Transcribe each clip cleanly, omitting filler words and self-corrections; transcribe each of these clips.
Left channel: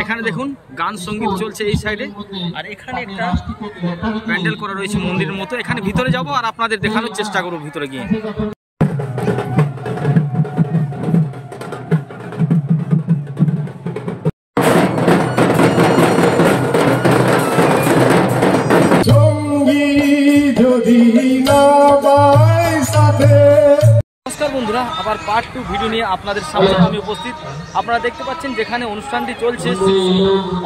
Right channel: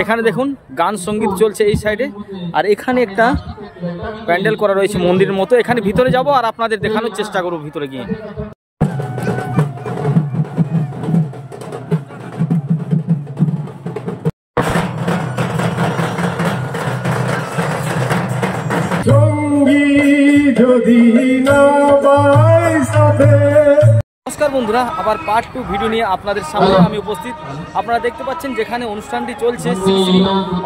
এখানে দেখুন গান সঙ্গীত চলছে এই সাইডে, আর এখানে একটা প্যান্ডেল করা রয়েছে মন্দিরের মতো। এখানে ভিতরে যাব আর আপনাদের দেখানোর চেষ্টা করব ভিতরে গিয়ে। নমস্কার বন্ধুরা, আবার পার্ট 2 ভিডিও নিয়ে আপনাদের সামনে আমি উপস্থিত। আপনারা দেখতে পাচ্ছেন যেখানে অনুষ্ঠানটি চলছে শ্রী শ্রী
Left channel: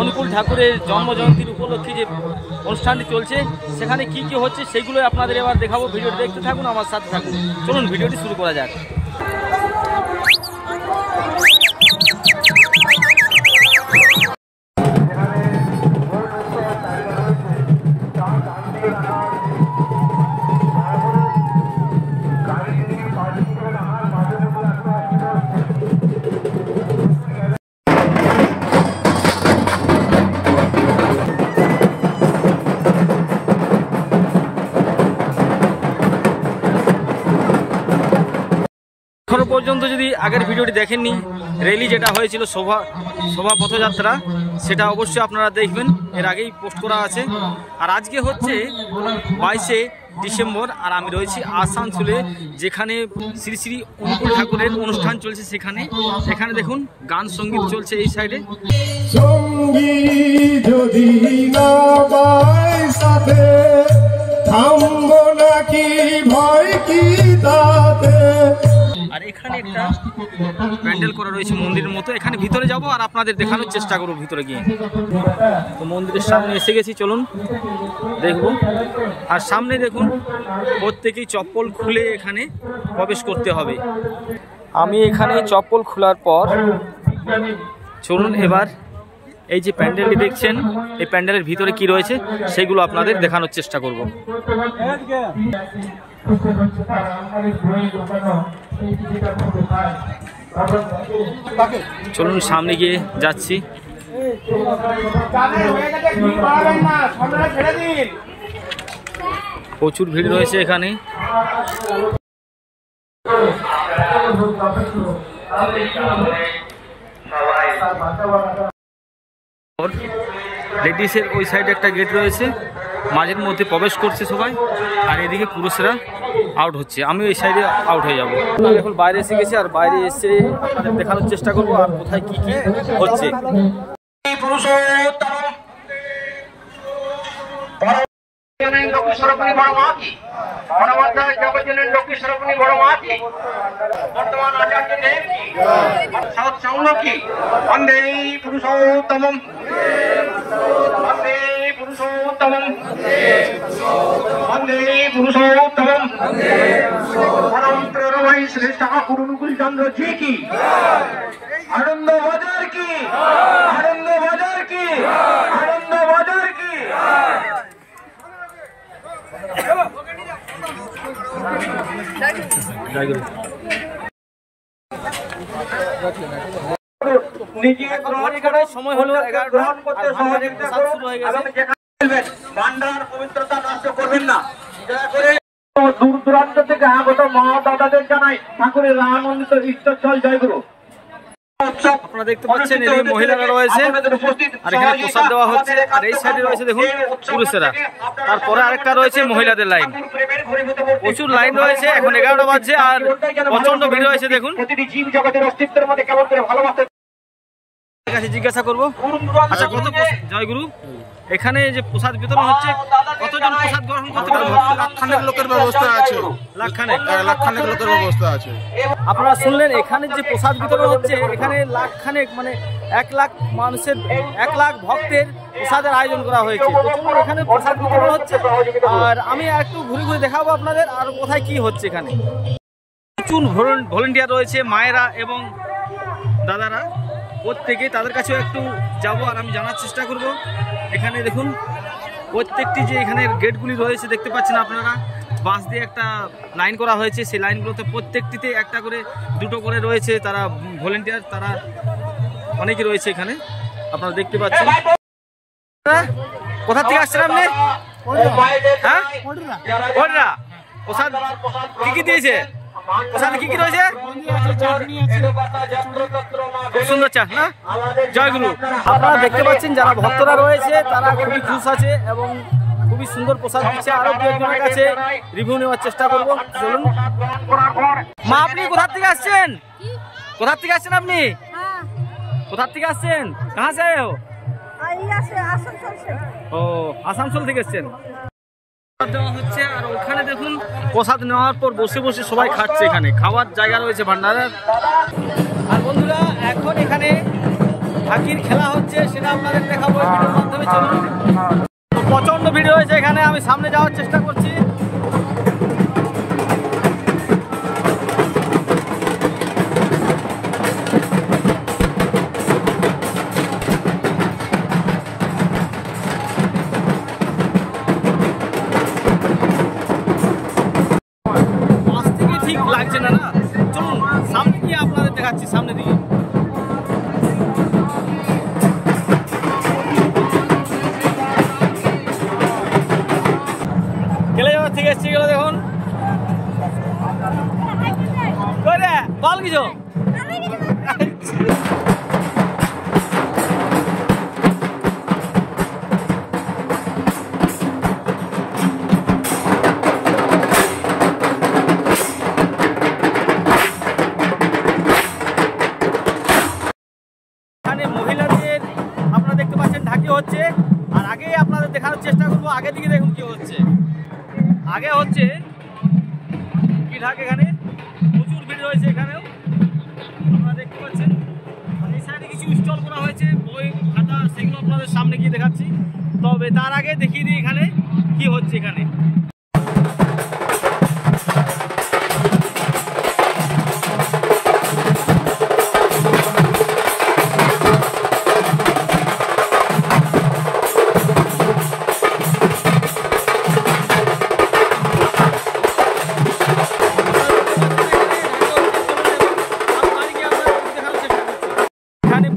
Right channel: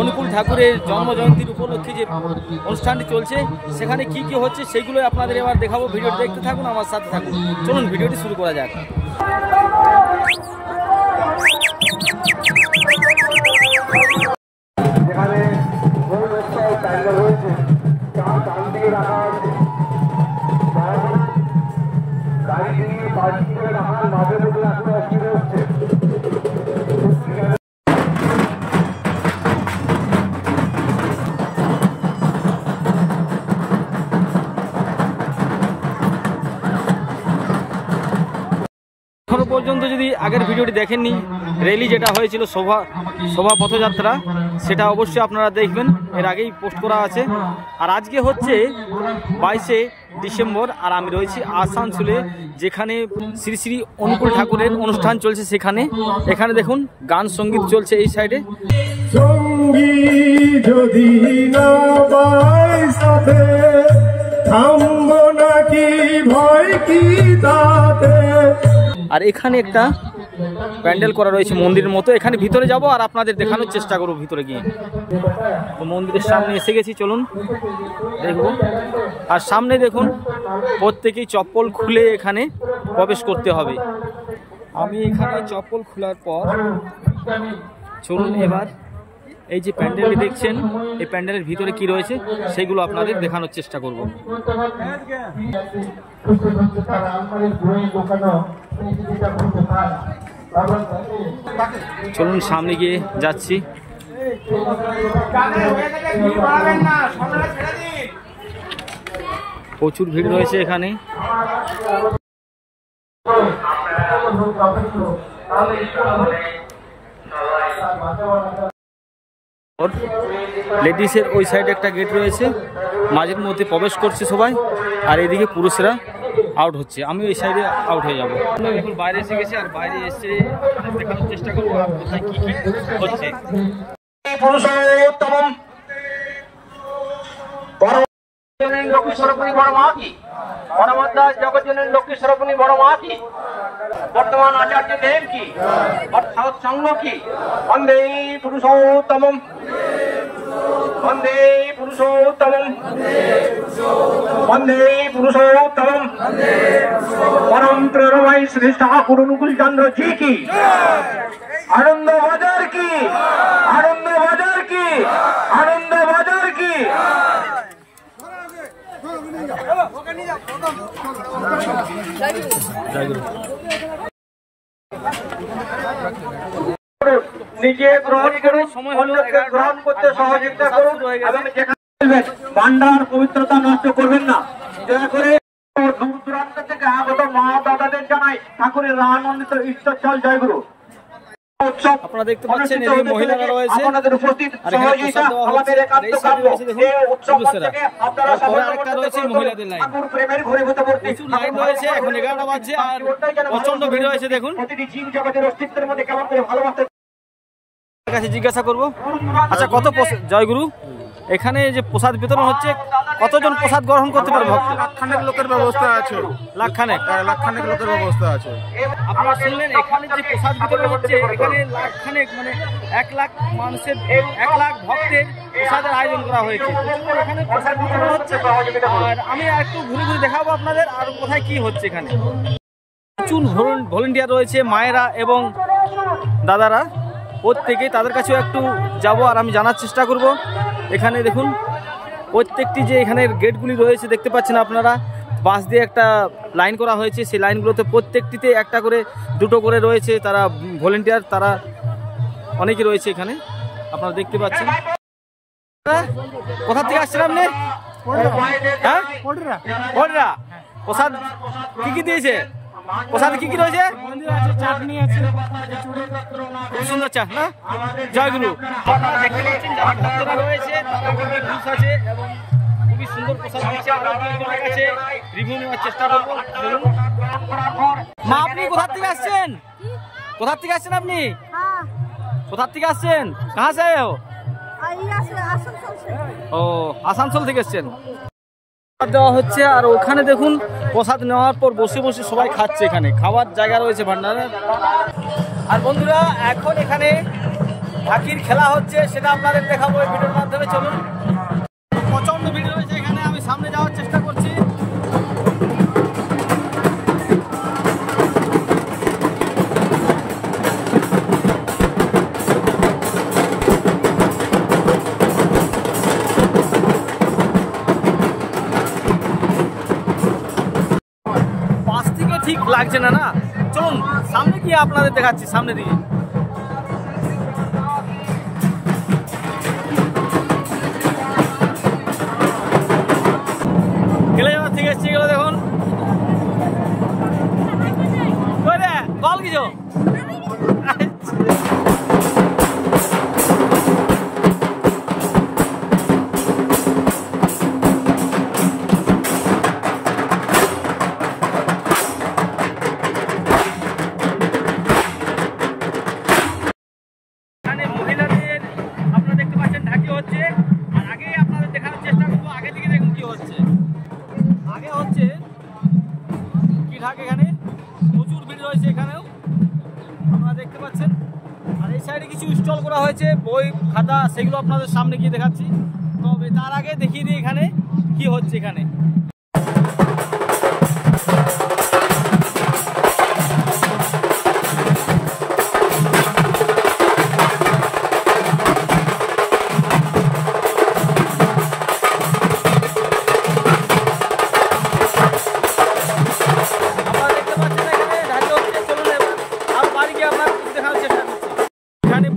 অনুকূল ঠাকুরের জন্মজয়ন্তীর উপলক্ষে যে অনুষ্ঠানটি চলছে, সেখানে কি কি হচ্ছে সেগুলো আপনাদের এবার দেখাবো। ভিডিওটি দেখতে থাকুন, আমার সাথে থাকুন। চলুন ভিডিওটি শুরু করা যাক। এখনো পর্যন্ত যদি আগের ভিডিওটি দেখেননি, র্যালি যেটা হয়েছিল শোভা পথযাত্রা, সেটা অবশ্যই আপনারা দেখবেন, এর আগেই পোস্ট করা আছে। আর আজকে হচ্ছে 22শে ডিসেম্বর, আর আমি রয়েছি আসানসোলে, যেখানে শ্রী শ্রী অনুকূল ঠাকুরের অনুষ্ঠান চলছে সেখানে। এখানে দেখুন গান সঙ্গীত চলছে এই সাইডে। আর এখানে একটা প্যান্ডেল করা রয়েছে মন্দিরের মতো। এখানে ভিতরে যাব আর আপনাদের দেখানোর চেষ্টা করব ভিতরে গিয়ে। তো মন্দিরের সামনে এসে গেছি, চলুন দেখব। আর সামনে দেখুন প্রত্যেকেই চপ্পল খুলে এখানে প্রবেশ করতে হবে। আমি এখানে চপ্পল খোলার পর চলুন এবার এই যে প্যান্ডেলটি দেখছেন, এই প্যান্ডেলের ভিতরে কি রয়েছে সেগুলো আপনাদের দেখানোর চেষ্টা করব। চলুন সামনে গিয়ে যাচ্ছি। প্রচুর ভিড় রয়েছে এখানে। লেডিসের ওই সাইডে একটা গেট রয়েছে, মাঝের মধ্যে প্রবেশ করছে সবাই, আর এদিকে পুরুষরা আউট হচ্ছে। আমি এই সাইডে আউট হয়ে যাবো। আমি এখন বাইরে এসে গেছি, আর বাইরে এসে আপনাদের দেখানোর চেষ্টা করবো আর কোথায় কি কি হচ্ছে। বর্তমান আচার্য দেব কি সৎসঙ্গ কি বন্দে পুরুষোত্তমম, বন্দে পুরুষোত্তমম, বন্দে পুরুষোত্তমম। পরম প্রেরণায় শ্রী ঠাকুর অনুকূল চন্দ্র জি কি, আনন্দ বাজার কি, আনন্দ বাজার কি, আনন্দ বাজার কি। সময় হলো 11টা, শুরু হয়ে গেছে। ভান্ডার পবিত্রতা নষ্ট করবেন না। দূর দূরান্ত থেকে আগত মা দাদাদের জানাই ঠাকুরের আনন্দিত ঈশ্বর জয়গুরু। আপনারা দেখতে পাচ্ছেন এদিকে মহিলারা রয়েছে, আর এখানে প্রসাদ দেওয়া হচ্ছে। আর এই সাইডে রয়েছে দেখুন পুরুষেরা, তারপরে আরেকটা রয়েছে মহিলাদের লাইন। প্রচুর লাইন রয়েছে, এখন 11টা বাজছে আর প্রচন্ড ভিড় হয়েছে দেখুন। কাছে জিজ্ঞাসা করবো, আচ্ছা কত জয়গুরু, এখানে যে প্রসাদ বিতরণ হচ্ছে কতজন প্রসাদ গ্রহণ করতে পারবো? লাখখানেক লোকের ব্যবস্থা আছে। লাখখানেক লোকের ব্যবস্থা আছে। আপনারা শুনলেন, এখানে যে প্রসাদ বিতরণ হচ্ছে এখানে লাখখানেক, মানে 1 লাখ মানুষের, 1 লাখ ভক্তের প্রসাদের আয়োজন করা হয়েছে। এখানে প্রসাদ বিতরণ হচ্ছে, আর আমি একটু ঘুরে ঘুরে দেখাবো আপনাদের আর কোথায় কি হচ্ছে। এখানে প্রচুর ভলেন্টিয়ার রয়েছে, মায়েরা এবং দাদারা, প্রত্যেকে তাদের কাছেও একটু যাব আর আমি জানার চেষ্টা করব। এখানে দেখুন প্রত্যেকটি যে এখানে গেটগুলি রয়েছে দেখতে পাচ্ছেন আপনারা, বাস দিয়ে একটা লাইন করা হয়েছে। সেই লাইনগুলোতে প্রত্যেকটিতে একটা করে, দুটো করে রয়েছে তারা ভলেন্টিয়ার, তারা অনেকে রয়েছে এখানে আপনারা দেখতে পাচ্ছেন। কোথা থেকে আসছেন আপনি? হ্যাঁ, প্রসাদ কি কি দিয়েছে? প্রসাদে কি কি রয়েছে? চাটনি আছে, খুব সুন্দর চা না? জয়গুরু। আপনারা দেখতে পাচ্ছেন যারা ভক্তরা রয়েছে তারা খুবই খুশ আছে এবং খুবই সুন্দর প্রসাদ দিচ্ছে। আরো দু একজনের কাছে রিভিউ নেওয়ার চেষ্টা করবো। চলুন। মা, আপনি কোথা থেকে আসছেন? কোথা থেকে আসছেন আপনি? কোথা থেকে আসছেন? কাহা সে আয়ে হো? ও, আসানসোল থেকে এসছেন। দেওয়া হচ্ছে আর ওখানে দেখুন প্রসাদ নেওয়ার পর বসে বসে সবাই খাচ্ছে। এখানে খাওয়ার জায়গা রয়েছে ভান্ডারের। আর বন্ধুরা এখন এখানে ঢাকির খেলা হচ্ছে, সেটা আপনাদের দেখাবো এই ভিডিওর মাধ্যমে। চলুন। তো প্রচন্ড ভিড় হয়েছে এখানে, আমি সামনে যাওয়ার চেষ্টা করছি। পাশ থেকে ঠিক লাগছে না না, চলুন সামনে গিয়ে আপনাদের দেখাচ্ছি সামনে দিকে। গেলে যাওয়ার থেকে এসছে গেল দেখুন করে বল কিছু। এখানে মহিলাদের আপনারা দেখতে পাচ্ছেন ঢাকি হচ্ছে। আর আগে আপনাদের দেখানোর চেষ্টা করবো, আগে দিকে দেখুন কি হচ্ছে। আগে হচ্ছে কি ঢাক, এখানে প্রচুর ভিড় রয়েছে এখানেও আপনারা দেখতে পাচ্ছেন। আর এই সাইডে কিছু স্টল করা হয়েছে বই খাতা, সেগুলো আপনাদের সামনে গিয়ে দেখাচ্ছি। তবে তার আগে দেখিয়ে দিই এখানে কি হচ্ছে। এখানে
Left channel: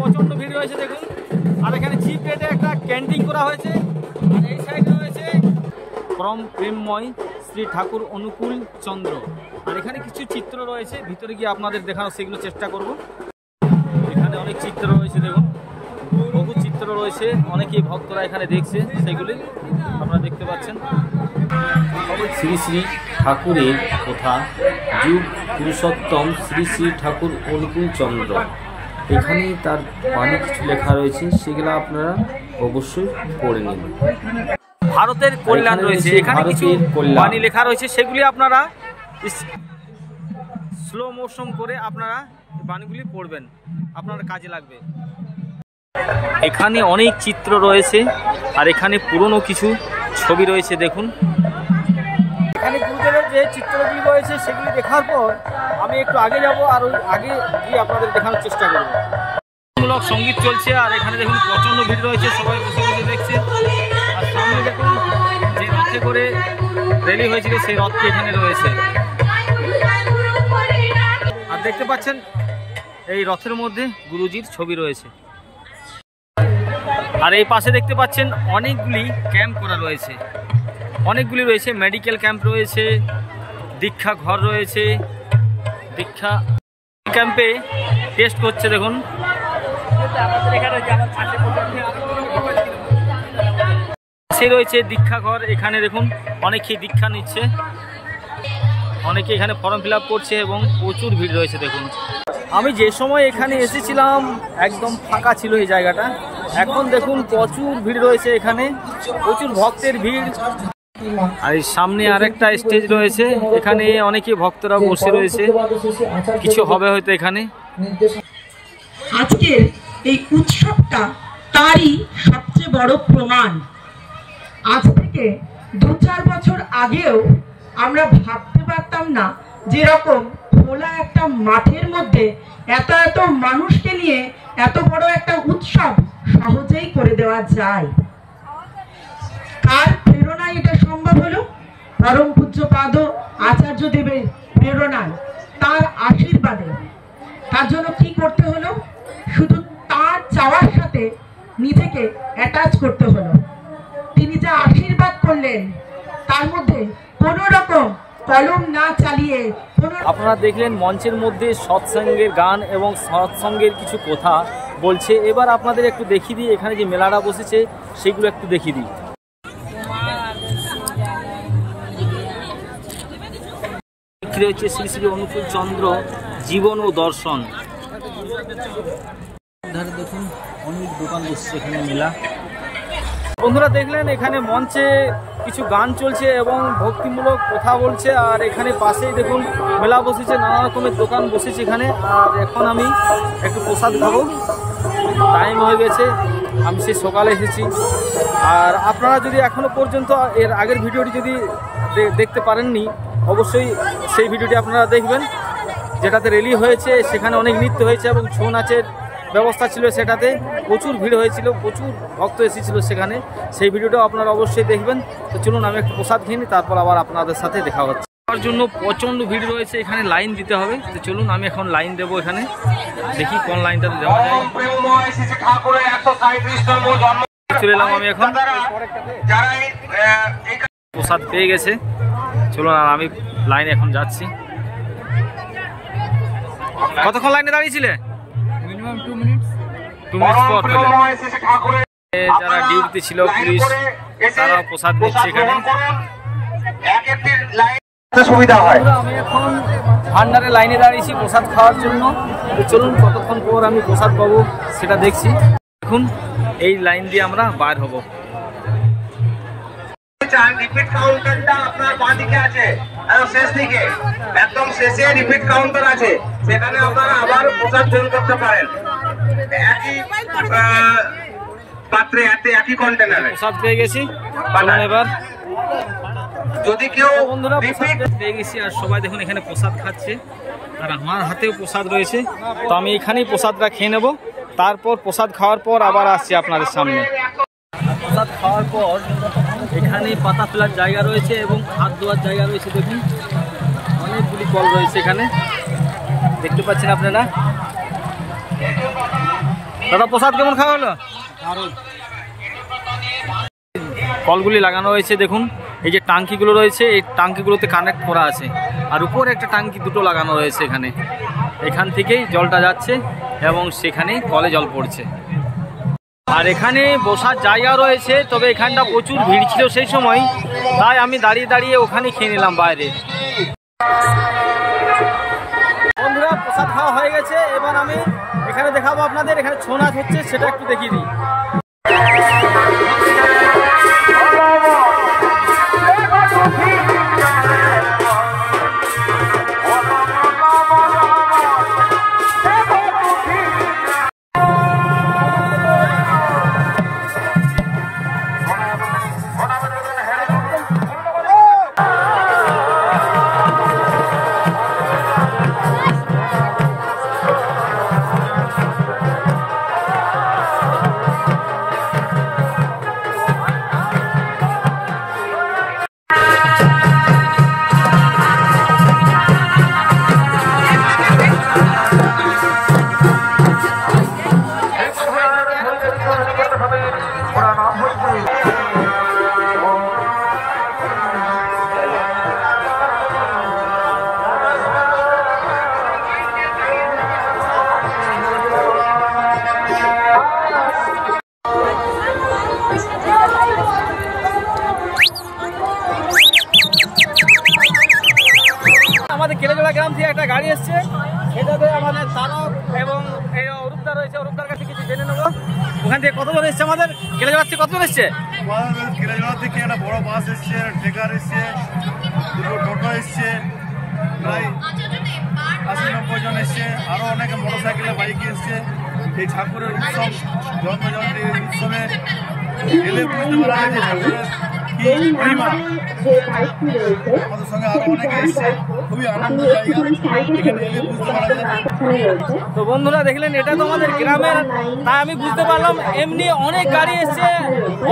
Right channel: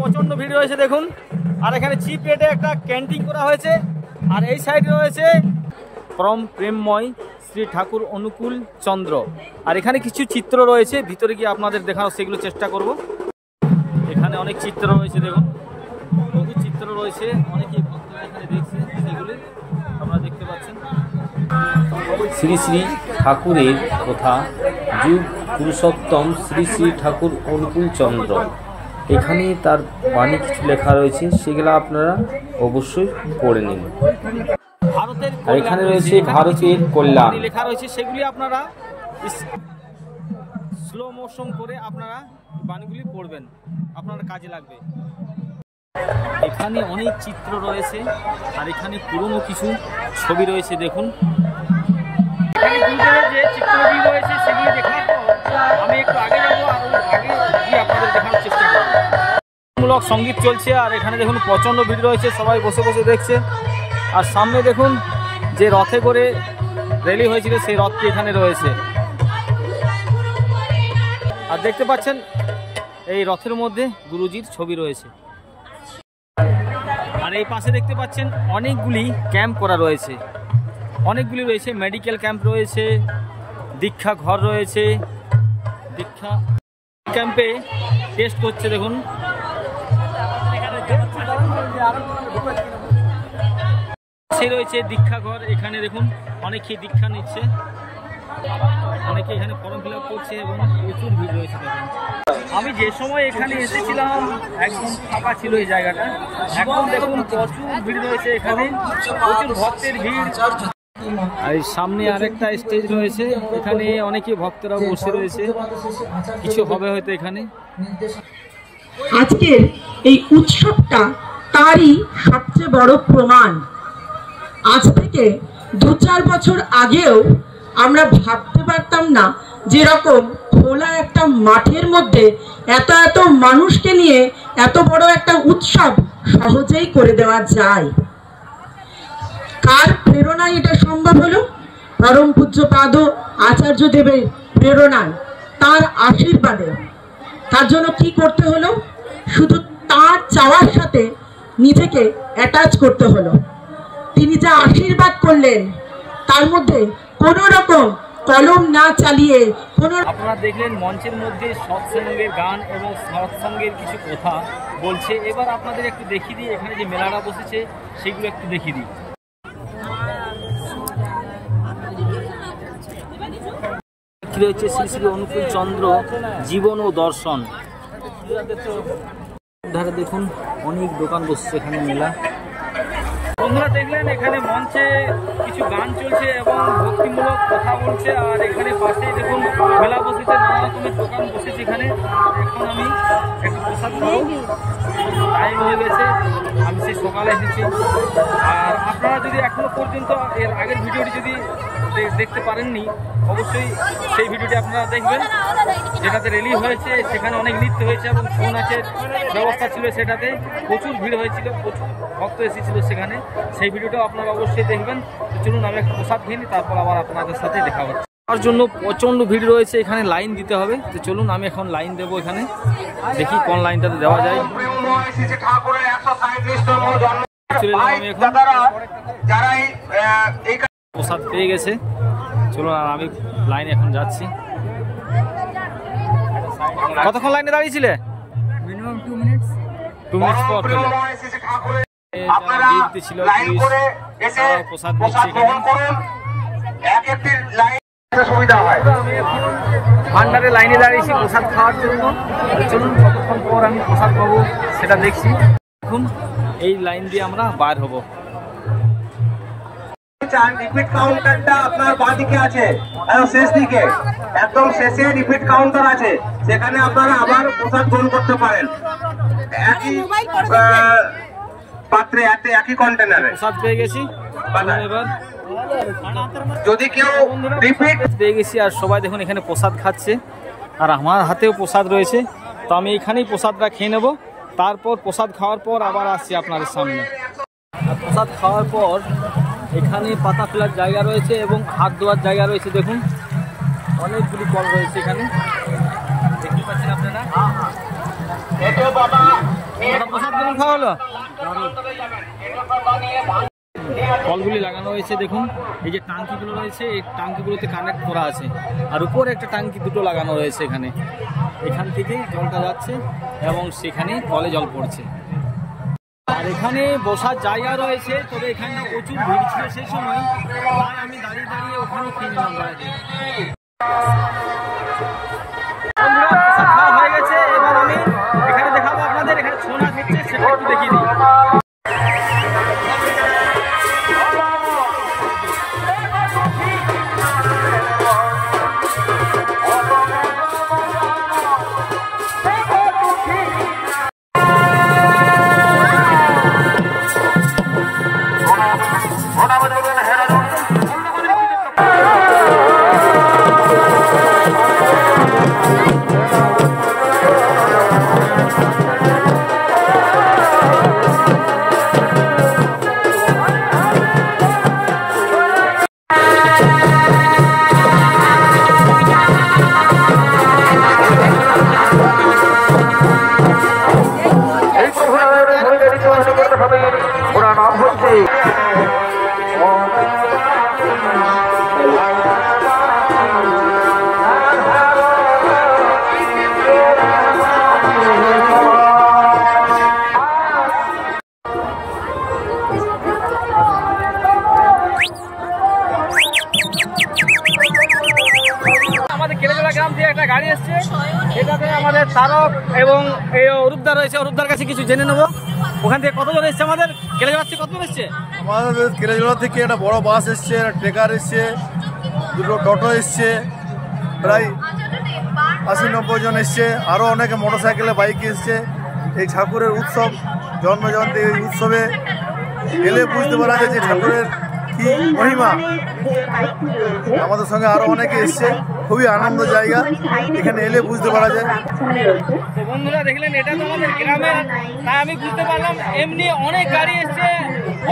প্রচন্ড ভিড় রয়েছে দেখুন। আর এখানে চিপ রেটে একটা ক্যান্টিন করা হয়েছে। আর এই সাইডে রয়েছে পরম প্রেমময় শ্রী ঠাকুর অনুকূল চন্দ্র। আর এখানে কিছু চিত্র রয়েছে, ভিতরে গিয়ে আপনাদের দেখানোর সেগুলো চেষ্টা করব। এখানে অনেক চিত্র রয়েছে দেখুন, বহু চিত্র রয়েছে, অনেকেই ভক্তরা এখানে দেখছে, সেগুলি আপনারা দেখতে পাচ্ছেন। শ্রী শ্রী ঠাকুরের কথা, যুগ পুরুষোত্তম শ্রী শ্রী ঠাকুর অনুকূল চন্দ্র। এখানে তার বাণী কিছু লেখা রয়েছে, সেগুলো আপনারা অবশ্যই পড়ে নিন। ভারতের কল্যাণ রয়েছে, ভারতের কল্যাণ বাণী লেখা রয়েছে, সেগুলি আপনারা স্লো মোশন করে আপনারা বাণীগুলি পড়বেন, আপনার কাজে লাগবে। এখানে অনেক চিত্র রয়েছে আর এখানে পুরনো কিছু ছবি রয়েছে দেখুন। এখানে গুরুদেবের যে চিত্রগুলি রয়েছে সেগুলি দেখার পর আমি একটু আগে যাব আর ওই আগে গিয়ে আপনাদের দেখানোর চেষ্টা করব। মূলক সঙ্গীত চলছে আর এখানে দেখুন প্রচণ্ড ভিড় রয়েছে, সবাই বসে বসে দেখছে। আর সামনে দেখুন যে রথে করে র্যালি হয়েছিল সেই রথটি এখানে রয়েছে। আর দেখতে পাচ্ছেন এই রথের মধ্যে গুরুজির ছবি রয়েছে। আর এই পাশে দেখতে পাচ্ছেন অনেকগুলি ক্যাম্প করা রয়েছে, অনেকগুলি রয়েছে, মেডিকেল ক্যাম্প রয়েছে, দীক্ষা ঘর রয়েছে। দীক্ষা ক্যাম্পে টেস্ট করছে দেখুন। সে রয়েছে দীক্ষা ঘর, এখানে দেখুন অনেকেই দীক্ষা নিচ্ছে, অনেকে এখানে ফর্ম ফিল আপ করছে এবং প্রচুর ভিড় রয়েছে দেখুন। আমি যে সময় এখানে এসেছিলাম একদম ফাঁকা ছিল এই জায়গাটা, এখন দেখুন প্রচুর ভিড় রয়েছে, এখানে প্রচুর ভক্তের ভিড়। আর সামনে আরেকটা স্টেজ রয়েছে, এখানে অনেকে ভক্তরা বসে রয়েছে, কিছু হবে হয়তো এখানে। আজকের এই উৎসবটা তারই সবচেয়ে বড় প্রমাণ। আজ থেকে 2-4 বছর আগেও আমরা ভাবতে পারতাম না যেরকম খোলা একটা মাঠের মধ্যে এত এত মানুষকে নিয়ে এত বড় একটা উৎসব সহজেই করে দেওয়া যায়। কার প্রেরণায় এটা সম্ভব হলো? পরম পূজ্যপাদ আচার্য দেবের প্রেরণায়, তার আশীর্বাদে। তার জন্য কি করতে হলো? শুধু তার চাওয়ার সাথে নিজেকে অ্যাটাচ করতে হলো। তিনি যা আশীর্বাদ করলেন তার মধ্যে কোনো রকম কলম না চালিয়ে আপনারা দেখলেন মঞ্চের মধ্যে সৎসঙ্গের গান এবং সৎসঙ্গের কিছু কথা বলছে। এবার আপনাদের একটু দেখিয়ে দিই এখানে যে মেলাটা বসেছে সেগুলো একটু দেখিয়ে দিই। বিক্রি হচ্ছে শ্রী শ্রী অনুকূল চন্দ্র জীবন ও দর্শন। ধারে দেখুন অনেক দোকান বসছে এখানে মেলা। বন্ধুরা দেখলেন এখানে মঞ্চে কিছু গান চলছে এবং ভক্তিমূলক কথা বলছে, আর এখানে পাশেই দেখুন মেলা বসেছে, নানা রকমের দোকান বসেছে এখানে। আর এখন আমি একটু প্রসাদ খাবো, টাইম হয়ে গেছে, আমি সেই সকালে এসেছি। আর আপনারা যদি এখনো পর্যন্ত এর আগের ভিডিওটি যদি দেখতে পারেননি অবশ্যই সেই ভিডিওটি আপনারা দেখবেন, যেটাতে র্যালি হয়েছে, সেখানে অনেক নৃত্য হয়েছে এবং ছৌ নাচের ব্যবস্থা ছিল, সেটাতে প্রচুর ভিড় হয়েছিল, প্রচুর ভক্ত এসেছিল সেখানে, সেই ভিডিওটাও আপনারা অবশ্যই দেখবেন। তো চলুন আমি একটু প্রসাদ খেয়ে নিই, তারপর আবার আপনাদের সাথে দেখা হচ্ছে। তার জন্য প্রচণ্ড ভিড় রয়েছে, এখানে লাইন দিতে হবে। তো চলুন আমি এখন লাইন দেবো, এখানে দেখি কোন লাইনটাতে দেওয়া যায়। চলে এলাম আমি এখন, প্রসাদ পেয়ে গেছে। চলুন আর আমি লাইনে এখন যাচ্ছি। কতক্ষণ লাইনে দাঁড়িয়েছিলে? মিনিমাম 2 মিনিট পর পেলে। যারা ডিউটিতে ছিল পুলিশ, তারাও প্রসাদ নিচ্ছে এখানে। আমি এখন ভান্ডারে লাইনে দাঁড়িয়েছি প্রসাদ খাওয়ার জন্য। চলুন কতক্ষণ পর আমি প্রসাদ পাবো সেটা দেখছি। এখন এই লাইন দিয়ে আমরা বার হব। রিপিট কাউন্টারটা আপনার বাঁ দিকে আছে, শেষ দিকে একদম শেষে রিপিট কাউন্টার আছে, সেখানে আপনারা আবার প্রসাদ গ্রহণ করতে পারেন। একই পাত্রে একই কন্টেনারে প্রসাদ পেয়ে গেছি। চলুন এবার, যদি কেউ বন্ধুরা রিপিট পেয়ে গেছি, আর সবাই দেখুন এখানে প্রসাদ খাচ্ছে, আর আমার হাতেও প্রসাদ রয়েছে। তো আমি এখানেই প্রসাদটা খেয়ে নেব, তারপর প্রসাদ খাওয়ার পর আবার আসছি আপনাদের সামনে। আর প্রসাদ খাওয়ার পর এখানে পাতা ফেলার জায়গা রয়েছে এবং হাত ধোয়ার জায়গা রয়েছে। দেখুন অনেকগুলি কল রয়েছে এখানে, দেখতে পাচ্ছেন আপনারা। দাদা প্রসাদ কেমন খাওয়া হলো? কলগুলি লাগানো রয়েছে, দেখুন এই যে টাঙ্কিগুলো রয়েছে, এই টাঙ্কিগুলোতে কানেক্ট করা আছে, আর উপরে একটা টাঙ্কি দুটো লাগানো রয়েছে এখানে। এখান থেকেই জলটা যাচ্ছে এবং সেখানে কলে জল পড়ছে। আর এখানে বসার জায়গা রয়েছে, তবে এখানটা প্রচুর ভিড় ছিল সেই সময়, তাই আমি দাঁড়িয়ে দাঁড়িয়ে ওখানে খেয়ে নিলাম বাইরে। বন্ধুরা প্রসাদ খাওয়া হয়ে গেছে, এবার আমি এখানে দেখাবো আপনাদের এখানে ছৌ নাচ হচ্ছে, সেটা একটু দেখিয়ে দিই। আমাদের কেলেজলা গ্রাম থেকে একটা গাড়ি এসছে, সেটাতে আমাদের তারক এবং এই অরূপদা রয়েছে, অরূপদার কাছে কিছু জেনে নেবো। ওখান থেকে কতজন এসছে? আমাদের কেলেজলা থেকে কতজন এসছে? আমাদের কেলেজলা থেকে একটা বড় বাস এসছে, ট্রেকার এসছে, দুটো টোটো এসছে, প্রায় 80-90 জন এসছে, আরও অনেকে মোটরসাইকেলে বাইকে এসছে। এই ঠাকুরের উৎসব, জন্মজয়ন্তী উৎসবে এলে বুঝতে পারা যায় যে ঠাকুরের কি মহিমা। আমাদের সঙ্গে আরো অনেকে এসছে, খুবই আনন্দ জায়গা, এখানে এলে বুঝতে পারা যায়। তো বন্ধুরা দেখলেন এটা তো আমাদের গ্রামের, তাই আমি বুঝতে পারলাম এমনি অনেক গাড়ি এসছে,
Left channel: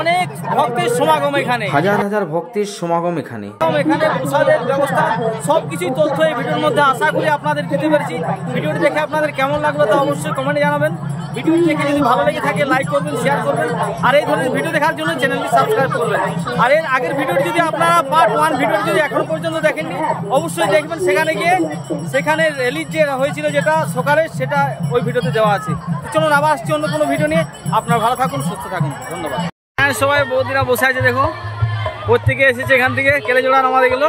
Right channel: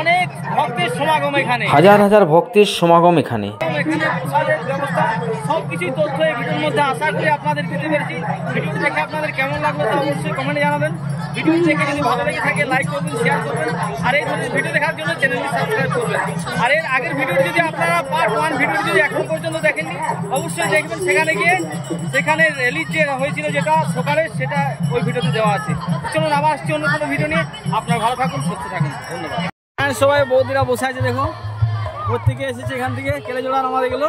অনেক ভক্তের সমাগম এখানে, হাজার হাজার ভক্তের সমাগম এখানে। এখানে প্রসাদের ব্যবস্থা সবকিছুই তথ্য এই ভিডিওর মধ্যে আশা করি আপনাদের দিতে পেরেছি। ভিডিওটি দেখে আপনাদের কেমন লাগলো তা অবশ্যই কমেন্টে জানাবেন। ভিডিও দেখে যদি ভালো লেগে থাকে লাইক করবেন, শেয়ার করবেন, আর এই ধরনের ভিডিও দেখার জন্য চ্যানেলটি সাবস্ক্রাইব করবেন। আর এর আগের ভিডিওটি যদি আপনারা পার্ট 1 ভিডিওটি যদি এখনো পর্যন্ত দেখেননি অবশ্যই দেখবেন, সেখানে গিয়ে সেখানে রিলিজ যে হয়েছিল যেটা সকালে সেটা ওই ভিডিওতে দেওয়া আছে। চলুন আবার আসছি অন্য কোনো ভিডিও নিয়ে। আপনারা ভালো থাকুন, সুস্থ থাকুন, ধন্যবাদ। হ্যাঁ, সবাই বৌদিরা বসে আছে, দেখো প্রত্যেকে এসেছে এখান থেকে কেলেজোড়া নামাতে গেলো।